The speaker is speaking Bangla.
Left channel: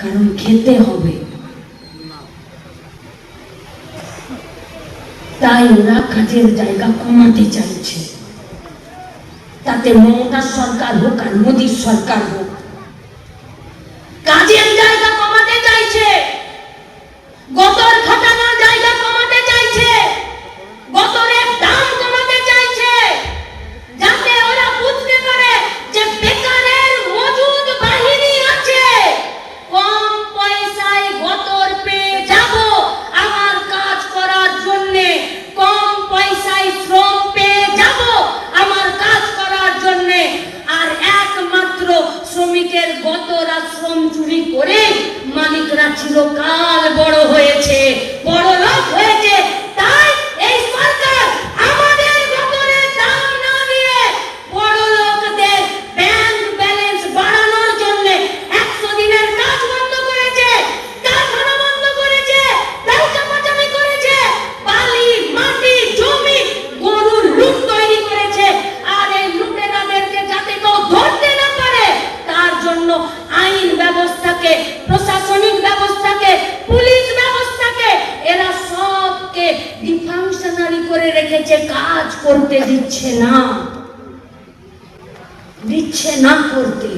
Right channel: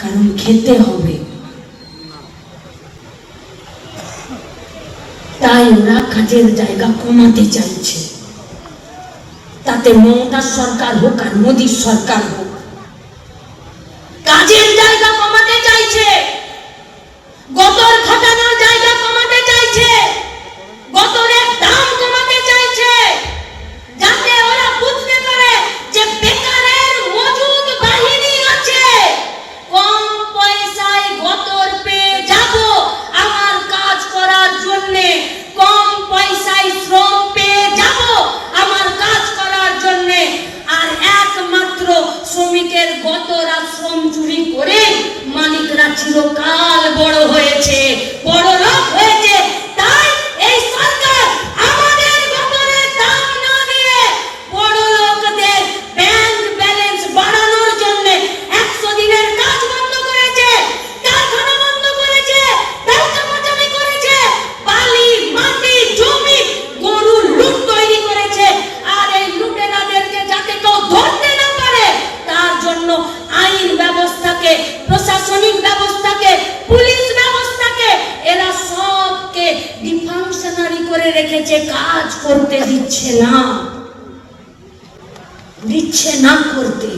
কারণ খেতে হবে। তাই ওরা কাজের জায়গা কমাতে চাইছে। তাতে মমতা সরকার হোক আর মোদীর সরকার হোক, কাজের গত আশ্রম চুরি করে মালিকরা চিরকাল জন্য আইন ব্যবস্থাকে, প্রশাসনিক ব্যবস্থাকে, পুলিশ ব্যবস্থাকে, এরা সবকে ডিফাংশনারি করে রেখেছে, কাজ করতে দিচ্ছে না। দিচ্ছে না করতে।